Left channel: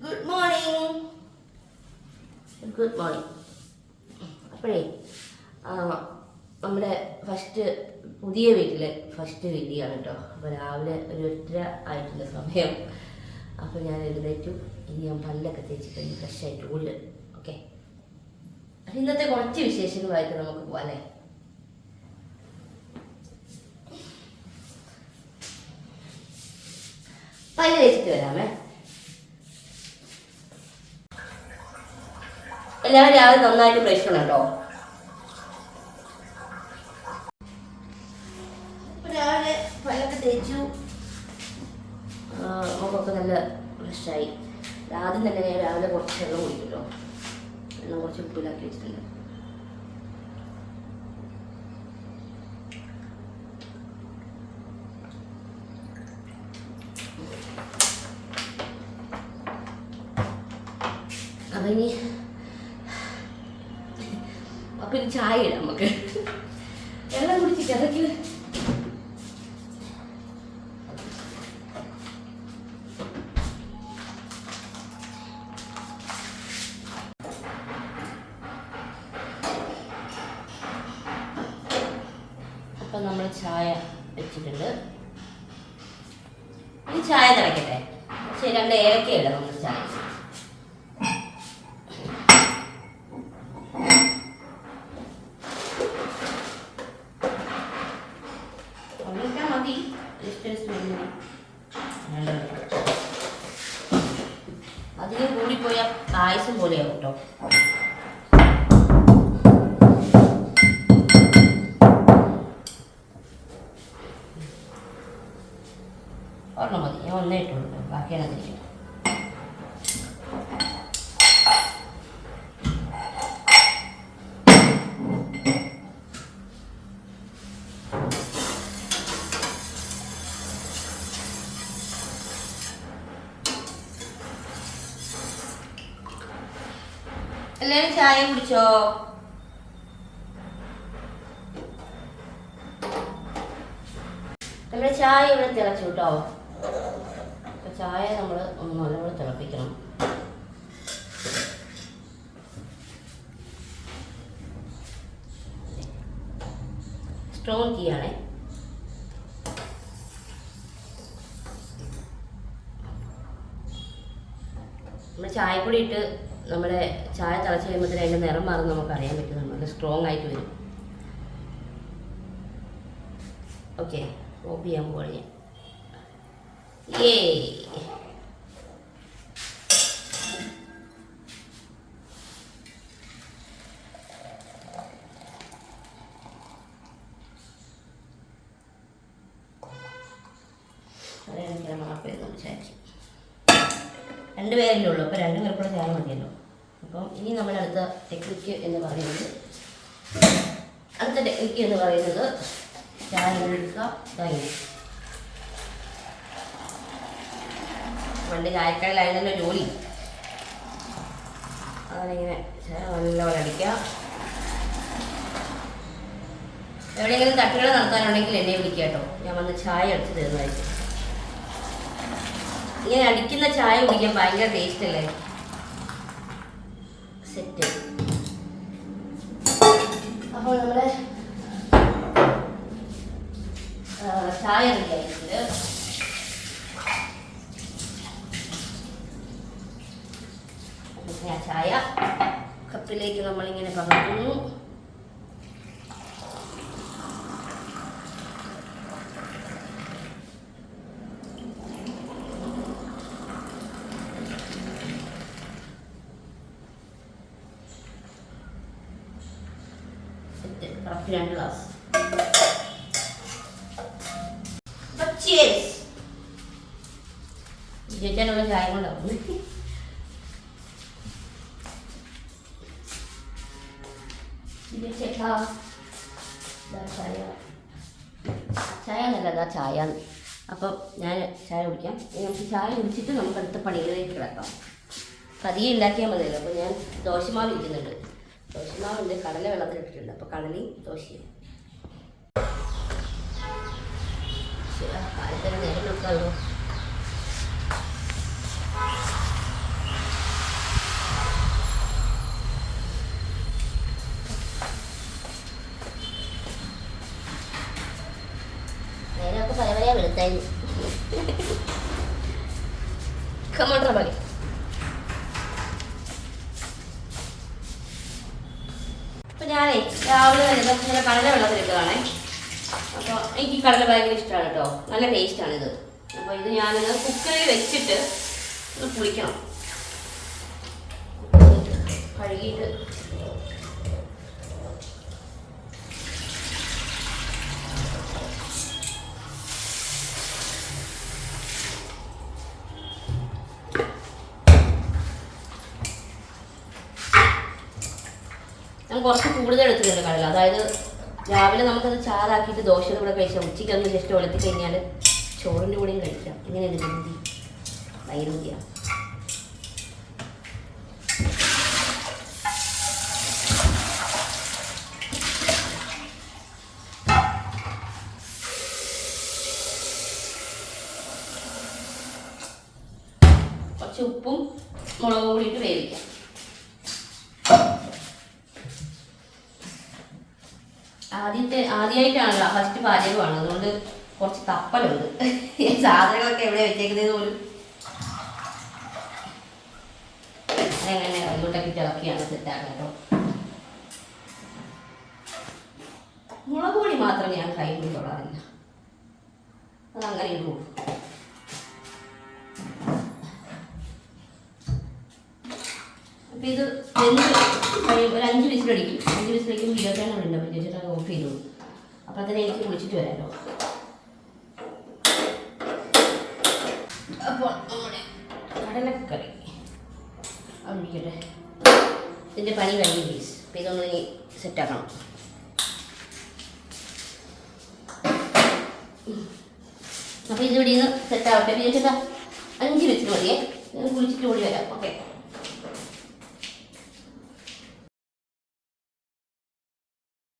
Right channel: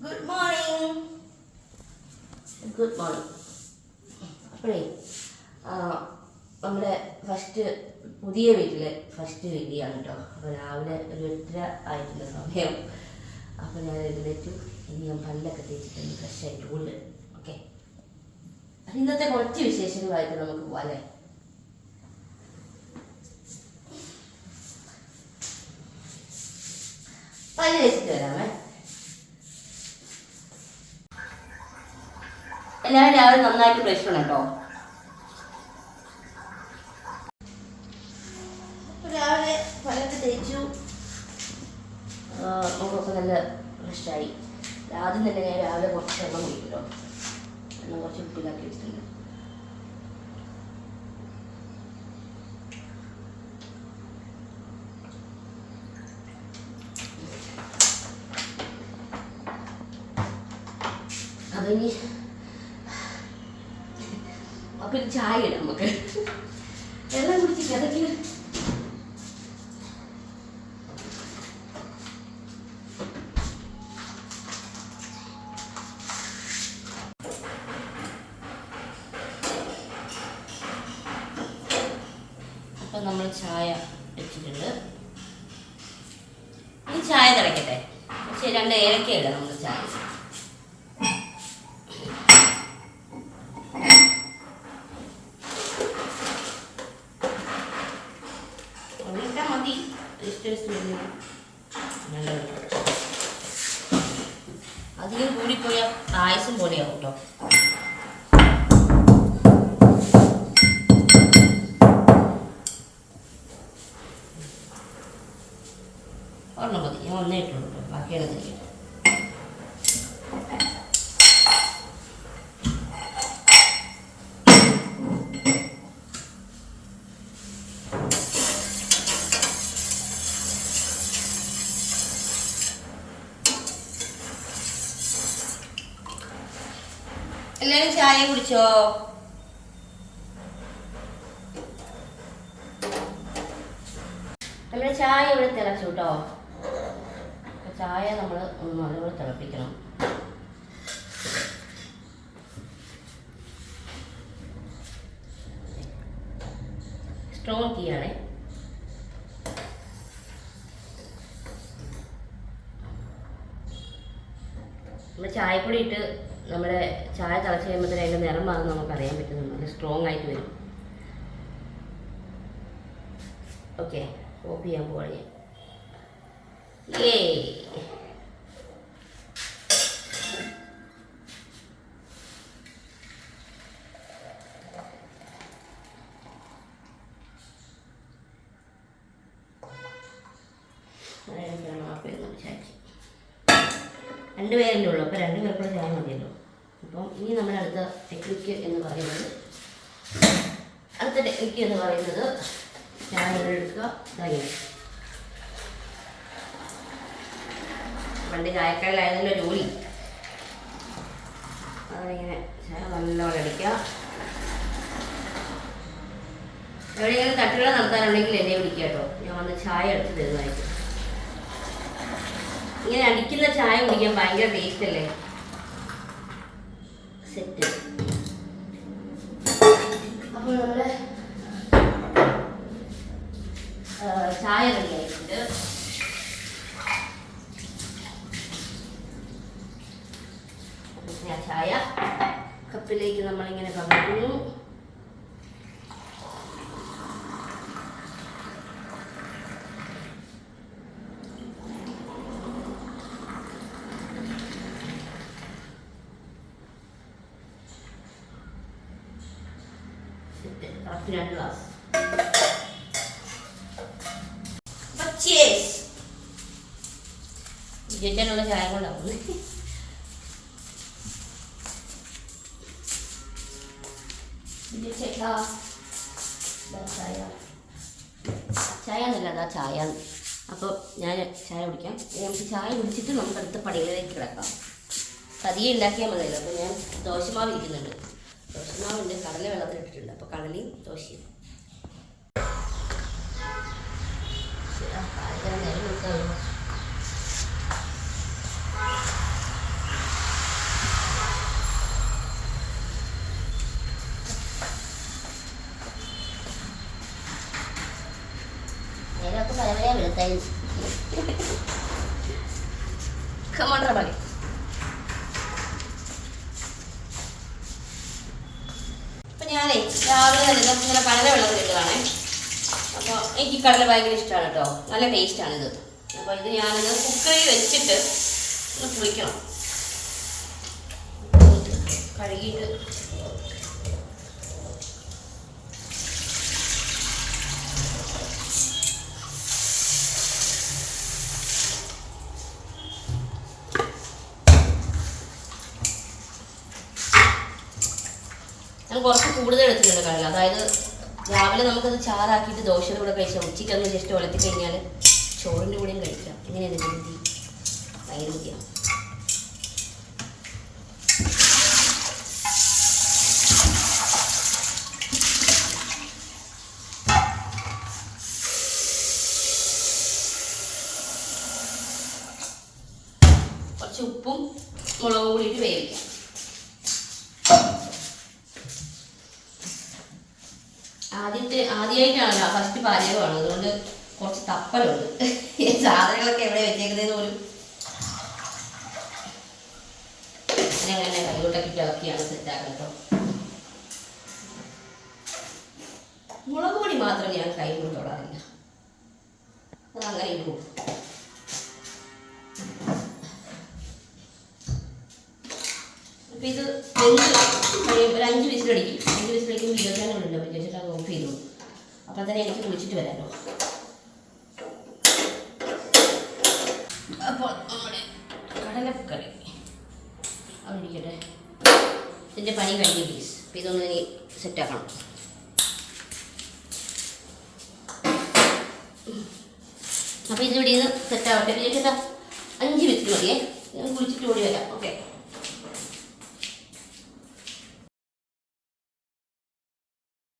Good morning good morning അപ്പോഴേ നമ്മുടെ first പുതിയ വീട്ടിലെ ഫസ്റ്റ് ആണ് കേട്ടോ. അപ്പോൾ രാവിലെ ഒരു എട്ടര ആയിട്ടുള്ള സമയം. അപ്പോൾ ഞാൻ എഴുന്നേറ്റു. ഇനി ഞാൻ പല്ലൊക്കെ തേച്ചിട്ടൊന്ന് ഫ്രഷ് ഉള്ളിൽ ഓക്കെ ഇന്നത്തെ കുറച്ച് വിശേഷങ്ങളായിട്ട് നമുക്ക് പോവാം അല്ലേ? പല്ല് തേച്ചിട്ട് വരാമേ എല്ലാവരും രാവിലെ നന്നായിട്ട് ബ്രഷ് ചെയ്യണം കേട്ടോ. രാവിലെ പല്ലൊക്കെ തേച്ചു. ആ, മുഖമൊക്കെ നല്ല ഫ്രഷായി ആദ്യം തന്നെ ഞാൻ രാവിലെ കുറച്ച് വെള്ളം കുടിക്കുമല്ലോ വെള്ളം കുറച്ച് ഉപ്പിലാക്കി വെച്ചിട്ടുണ്ട്. അതിനി അപ്പൊ ഒരു ചായ ഇടാം നമുക്ക്. വെള്ളം കുടിച്ച് കിടക്കി അപ്പൊ നമ്മൾ ചായ വെച്ചിട്ടുണ്ട്. ഈ ചായ തിളക്കട്ടെ. പക്ഷേ രണ്ട് ഏലക്കയല്ല നമുക്ക് ചായ. പായസം പോലെയാവും കേട്ടോ എല്ലാവരും ചായ കുടിച്ചോ? നമ്മുടെ ചായ ഇവിടെ തിളച്ചു കേട്ടോ. ചായ നമ്മൾ ഒന്ന് നല്ലപോലെ തിളപ്പിക്കണം. സ്ട്രോങ് ടീ ആണേ. നമ്മൾ ചായപ്പൊടി ഇട്ട് നമ്മുടെ ചായ തിളച്ച് കഴിയുമ്പോഴത്തേന് അതിന്റെ നിറം മാറും നമുക്ക് അറിയാൻ പറ്റും. നല്ല സ്ട്രോങ് ആയിട്ട് വരും. ഓക്കെ ഓഫ് ചെയ്യാൻ പോവാണ് ഞാൻ. ഏ മാപ്പ് ചെയ്ത് സംസാരിച്ചു രണ്ട് പേരല്ലേ ഉള്ളൂ അപ്പോൾ രണ്ടുപേർക്കുള്ള ചായ മതിയല്ലോ. അപ്പം ഇനി നമ്മൾ അടുത്ത ടെക്നിക്ക് എന്ന് പറയുന്നത് അടുത്ത ടെക്നിക്ക് എന്ന് പറയുന്നത് ചായ എടുക്കുക ഇതായി പണ്ട് ചായക്കടയിലായിരുന്നല്ലോ ജോലി. അതിങ്ങനെ നല്ലപോലെ അടിക്കുക. എവിടെയെങ്കിലും തട്ടുകട നടത്താനുണ്ടെങ്കിൽ എന്നെ വിളിക്കുക കേട്ടോ. ഞാൻ വന്ന് ചായ എടുത്ത് തരുന്നതായിരിക്കും. ഇങ്ങനെ അടിക്കുന്ന ചായ കുടിക്കാൻ ഭയങ്കര ടേസ്റ്റ് അല്ലേ? സെറ്റ്. അപ്പോൾ നമ്മൾ ചായ റെഡി ചായ കപ്പിലേക്ക് നമ്മളിങ്ങനെ പകർത്തുന്നു സെറ്റ് കറക്റ്റ് രണ്ട് ഗ്ലാസ് ചോദിച്ചാലുള്ള ചായ കൊണ്ടാവും ഇതാ ചായ. എന്നല്ല അതാ ചായ അപ്പം ഞാൻ ചായ കുടിക്കാം. നമുക്ക് ചായ കുടിച്ചിട്ട് നമുക്ക് അടുത്ത പണികളിലേക്ക് കിടക്കാം കതി ഉണ്ടാക്കിയാൽ മതിയല്ലോ. അപ്പോൾ ഞാൻ ദോശമാവ് ഇരിക്കുന്നുണ്ട്. ദോശമാവുണ്ട് കടല വെള്ളത്തിലിട്ടിട്ടുണ്ട് അപ്പോൾ കടലയും ദോശയും. നേരൊക്കെ പല പല വെളുത്തായി. കമോണ്ടർ മതി ഞാനേ രാവിലെ തന്നെ ഇങ്ങനെ കടല വെള്ളത്തിലിട്ടതാണേ. അപ്പോൾ എനിക്ക് കടല ഭയങ്കര ഇഷ്ടമാണ് കേട്ടോ. നല്ല ടേസ്റ്റാണ് ഇത് അപ്പോൾ ഇത് ഞാനിത് കുക്കറിൽ വെച്ചിട്ട് ഒന്ന് പുളിക്കണം. കഴുകിയിട്ട് ഞാൻ കുറച്ച് കൂടുതൽ എടുത്തിട്ടുണ്ട് കടല. അതായത് രാവിലെ നമുക്കത് ചാറാക്കിയിട്ട് ദോശയുടെ കൂടെ കഴിച്ചാൽ ഉച്ചയ്ക്ക് ഒന്ന് ജസ്റ്റ് വളർത്തി കഴിഞ്ഞാൽ ചോറിന്റെ കൂടെയും കഴിക്കാം. എങ്ങനെയാണ് രുചി ഭയങ്കര ബുദ്ധിയാണ് കുറച്ച് ഉപ്പും മുളകും കൂടിയിട്ട് വേവിക്കാം. ആദ്യത്തെ ആദ്യമായിട്ടാണ് ഫസ്റ്റ് പാചകമാണ് അതുകൊണ്ട് കുറച്ച് തപ്പലുണ്ട്. സാധനങ്ങളൊക്കെ എവിടെ വെച്ചേക്കുന്നതെന്ന് പോലും അങ്ങനെ കൈകൊട്ടൊക്കെ ഇളക്കിയാണ് സെറ്റാക്കുന്നത്. മുളക് പൊടി മാത്രം ഞാൻ കൈ കൊണ്ട് തൊടാറില്ല. അതങ്ങനെ ഇടും അപ്പം ഇത് ഒരു അഞ്ച് വിസിലടിക്കും അഞ്ച് വിസിലടിക്കുമ്പോൾ ഇരുപത്തേഴ് മിനിറ്റ് അപ്പം ചേച്ചിട്ട് ഓഫ് ചെയ്തു തന്നെ എനിക്ക് കുളിച്ചിട്ട് വരാമല്ലോ അപ്പോൾ നമ്മുടെ കടലക്കറി. അവിടെ ഇതിന്റെ പണി കഴിഞ്ഞു പ്ലീസ് അപ്പം ഇതൊന്ന് സെറ്റാക്കണം അപ്പോൾ ഇതിവിടെ നിന്ന് സെറ്റാവട്ടെ ചേട്ടാ അഞ്ച് മിനിറ്റ് മതിയേ. കുളിച്ചിട്ട് ഓടി വരാം. ഓക്കെ